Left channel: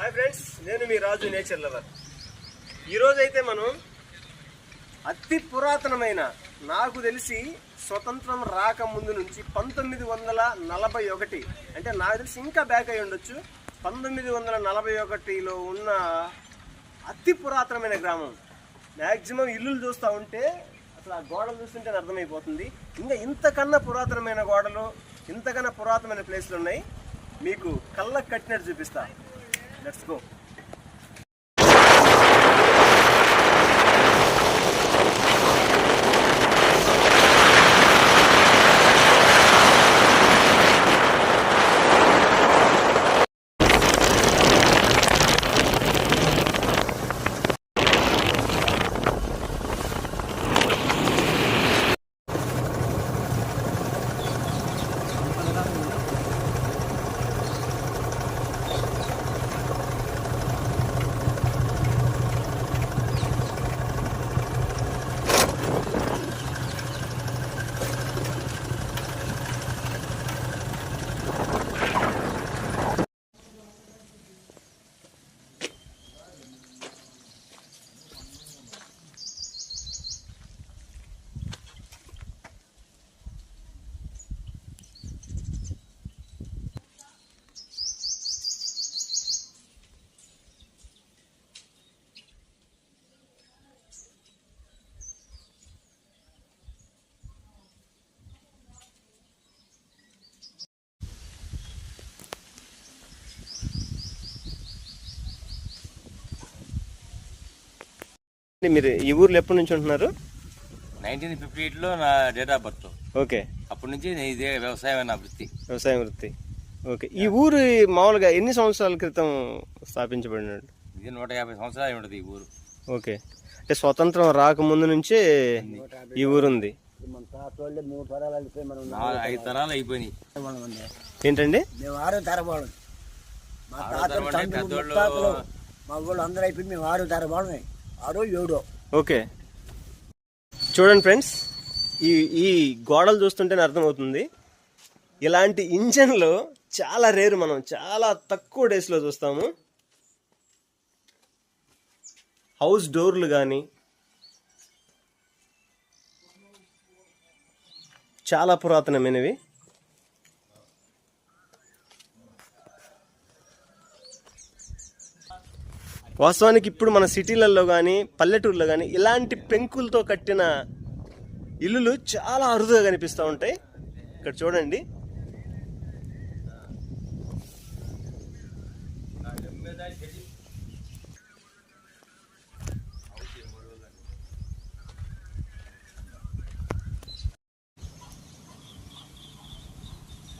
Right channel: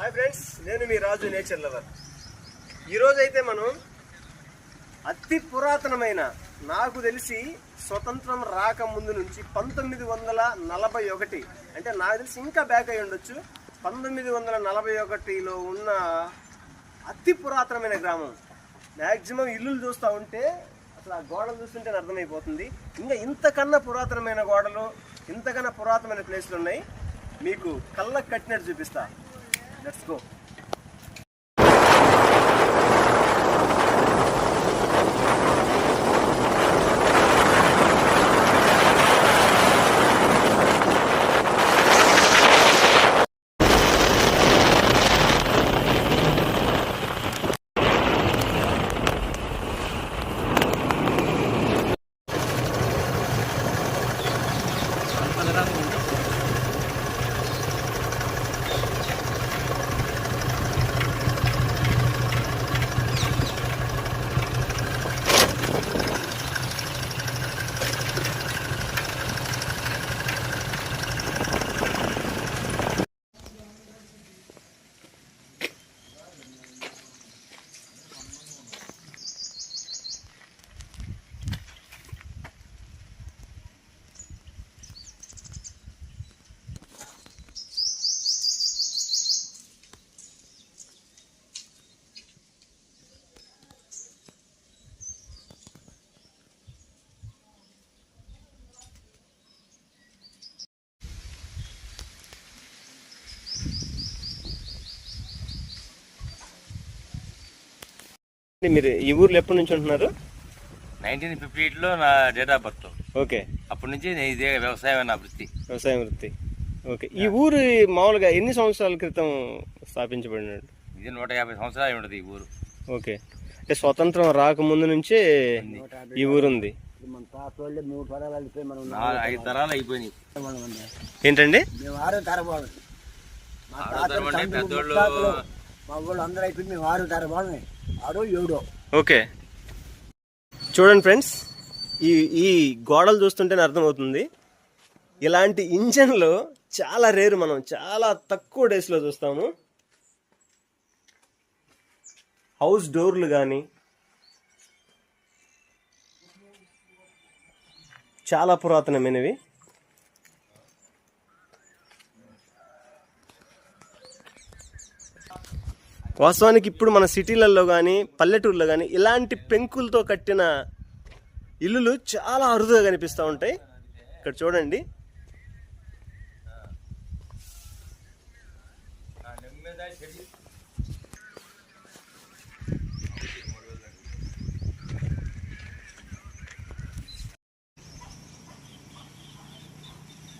Hi friends నేను మీ రాజు nature lover. ఈరోజు అయితే మనం అతి పురాతనమైన నాకు తెలిసి స్వతంత్రం రాక ముందు నుంచి పంతొమ్మిది వందల నలభై ఒకటి అంటే నాకు తెలిసి ఇంకా బ్యాక్ అయి ఉండొచ్చు. పంతొమ్మిది వందల నలభై ఒకటిలో ఉన్న అతి పురాతనమైన గ్రామం. మ్యాక్సిమం ఇల్లులు చూస్తూ ఉంటే అసలు ఆ గోడలు చూస్తుంటే అర్థమైపోతుంది. ఇంకా ఇంతకన్నా పురాతనమైన గోడలు ఇంతకన్నా పురాతనమైన ప్లేస్లు ఉన్నాయి. మీకు కళ్ళకు కట్టినట్టు చూపిస్తా. let's go. మీరు ఈ ఊర్లో ఎప్పటి నుంచి ఉంటున్నారు? నైన్టీన్ ఫిఫ్టీ ఎయిట్లో నా డేట్ ఆఫ్ బర్త్ ఓకే. అప్పటి నుంచి నేను ఇదే వ్యవసాయం నా వృత్తి. వ్యవసాయం వృత్తి. ఓకే. ఈ ఊరు మామూలుగా ఎన్ని సంవత్సరాల క్రితం స్థాపించబడినాడు ఇది నూట యాభై సంవత్సరాలు ఉంటుంది ఈ ఊరు. ఓకే. అంటే స్వతంత్రం రాకముందు నుంచే ఈ ఊరు ఉంది ఐదు తరాలు అయిపోయినాయి. ఏంటండి? మేము ఆరో తరబాడు మా తాతలు మా వాళ్ళు అందరూ అయిపోయింది మేము ఆరో తరబాడు ఆరో ఏడో. ఓకే. చూడండి ఫ్రెండ్స్ ఈ ఈ గోడలు చూస్తుంటేనే అర్థమవుతుంది. ఇలాంటి ఇంజన్లు చాలా రేరు మనం చాలా తక్కువ డేస్లో చూస్తాము. హౌస్ డోర్లు కానీ చాలా పురాతనమైనవి. వాస్తవానికి ఇప్పుడు మన సిటీలలో కానీ పల్లెటూరులో కానీ ఇలాంటి పెంకులతో కట్టిన ఇల్లులు చాలా అరుదుగా కనిపిస్తూ ఉంటాయి. ఇక్కడ చూడండి.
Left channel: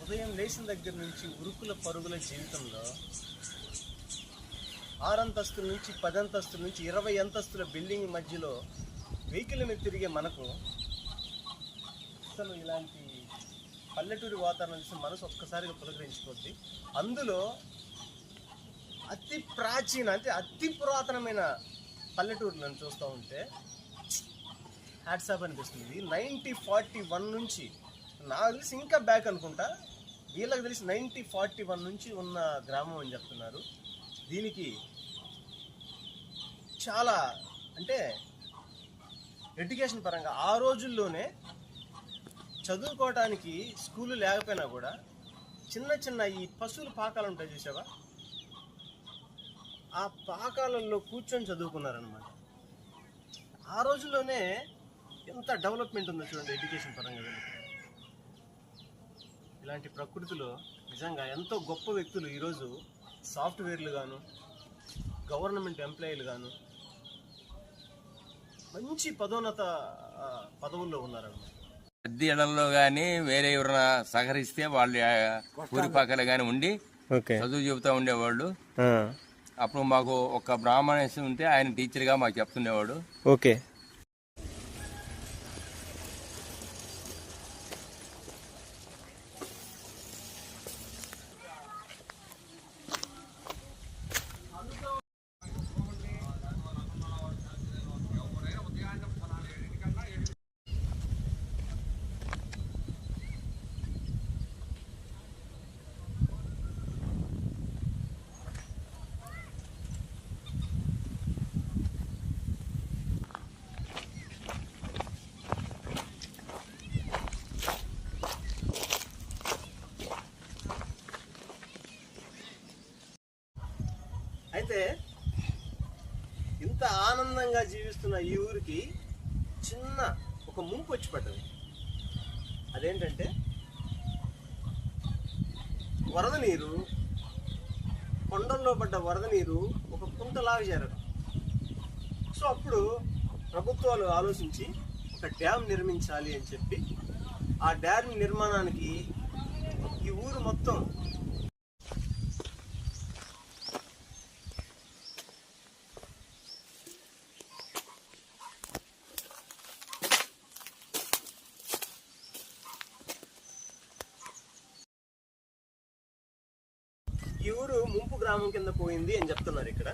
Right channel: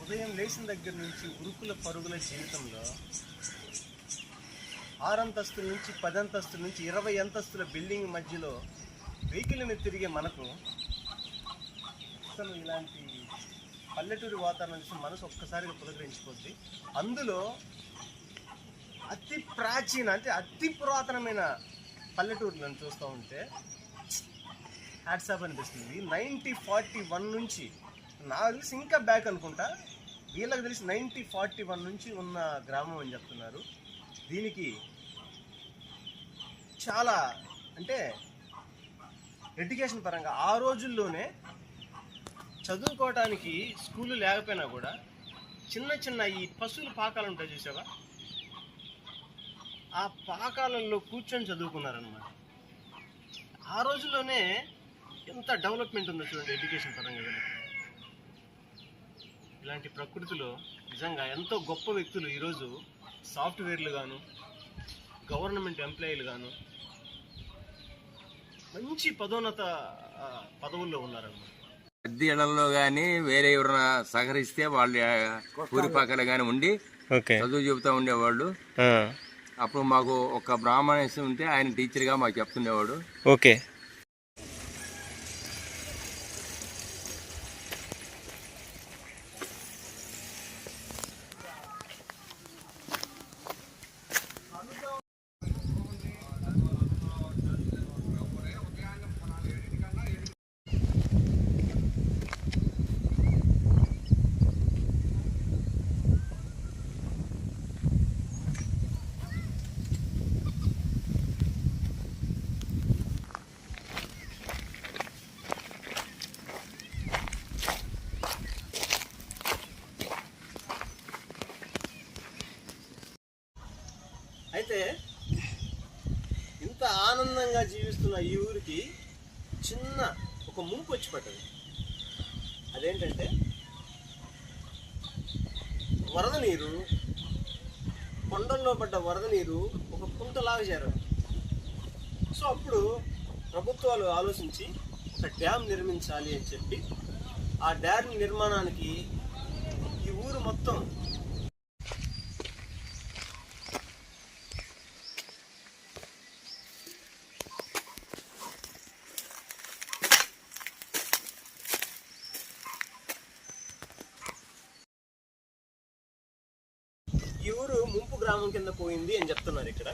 ఉదయం లేచిన దగ్గర నుంచి ఉరుకుల పరుగుల జీవితంలో ఆరంతస్తుల నుంచి పదంతస్తు నుంచి ఇరవై అంతస్తుల బిల్డింగ్ మధ్యలో వెహికల్ మీద తిరిగే మనకు అసలు ఇలాంటి పల్లెటూరి వాతావరణం చూసి మనసు ఒక్కసారిగా పులకరించుకోద్ది అందులో అతి ప్రాచీన అంటే అతి పురాతనమైన పల్లెటూరులను చూస్తూ ఉంటే హ్యాట్సాప్ అనిపిస్తుంది. నైన్టీ ఫార్టీ వన్ నుంచి నాకు తెలిసి ఇంకా బ్యాక్ అనుకుంటా. వీళ్ళకి తెలిసి నైన్టీ ఫార్టీ వన్ నుంచి ఉన్న గ్రామం అని చెప్తున్నారు. దీనికి చాలా అంటే ఎడ్యుకేషన్ పరంగా ఆ రోజుల్లోనే చదువుకోవటానికి స్కూలు లేకపోయినా కూడా చిన్న చిన్న ఈ పశువుల పాకాలు ఉంటాయి చూసావా? ఆ పాకాలలో కూర్చొని చదువుకున్నారనమాట ఆ రోజుల్లోనే ఎంత డెవలప్మెంట్ ఉందో చూడండి ఎడ్యుకేషన్ పరంగా వెళ్ళి. ఇలాంటి ప్రకృతిలో నిజంగా ఎంతో గొప్ప వ్యక్తులు ఈరోజు సాఫ్ట్వేర్లు గాను గవర్నమెంట్ ఎంప్లాయీలు గాను మంచి పదోన్నత పదవుల్లో ఉన్నారన్నమాట. పెద్ద ఇళ్ళలో కానీ వేరే ఎవరైనా సహకరిస్తే వాళ్ళు ఊరి పక్కన కానీ ఉండి ఓకే. చదువు చెబుతూ ఉండేవాళ్ళు. అప్పుడు మాకు ఒక బ్రాహ్మణేసి ఉంటే ఆయన టీచర్గా మాకు చెప్తుండేవాడు. ఓకే. అయితే ఇంత ఆనందంగా జీవిస్తున్న ఈ ఊరికి చిన్న ఒక ముంపు వచ్చి పడ్డది. అదేంటంటే వరద నీరు కొండల్లో పడ్డ వరద నీరు ఒక కుంటలాగా చేరడం. సో అప్పుడు ప్రభుత్వాలు ఆలోచించి ఒక డ్యామ్ నిర్మించాలి అని చెప్పి ఆ డ్యామ్ నిర్మాణానికి ఈ ఊరు మొత్తం ఈ ఊరు ముంపు గ్రామం కింద పోయింది అని చెప్తున్నారు ఇక్కడ.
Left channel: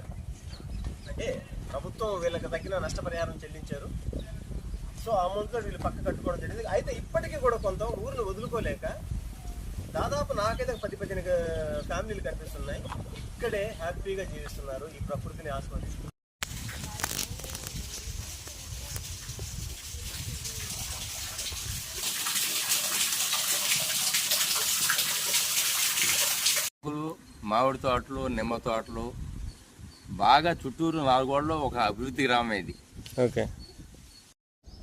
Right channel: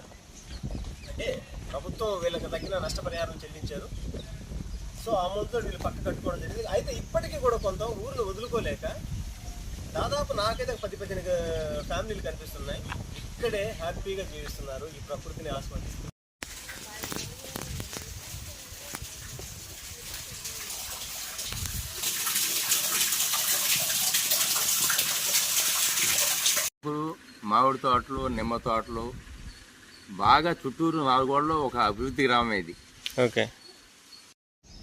అంటే ప్రభుత్వం వీళ్ళకి తగిన నష్టపరిహారం చెల్లించారు. సో ఆ అమౌంట్తో వీళ్ళు పక్క కట్టుకోవడం జరిగింది. అయితే ఇప్పటికీ కూడా కొంత ఊరిని వదులుకోలేక దాదాపు నాకైతే పది పదిహేను ఫ్యామిలీలు కనిపిస్తున్నాయి. ఇక్కడే హ్యాపీగా జీవిస్తున్నారు. ఈ ప్రకృతిని ఆస్వాదిస్తున్నారు. మామిడి తోటలు నిమ్మ తోటలు బాగా చుట్టూరు నాలుగోడలో ఒక అభివృద్ధి గ్రామం ఇది. ఓకే.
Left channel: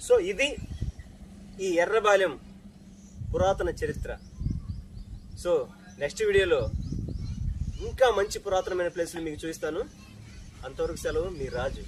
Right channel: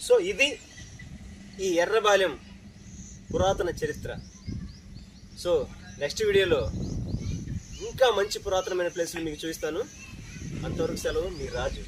సో ఇది ఈ ఎర్రబాలెం పురాతన చరిత్ర. సో నెక్స్ట్ వీడియోలో ఇంకా మంచి పురాతనమైన ప్లేస్లు మీకు చూపిస్తాను. అంతవరకు సెలవు మీ రాజు.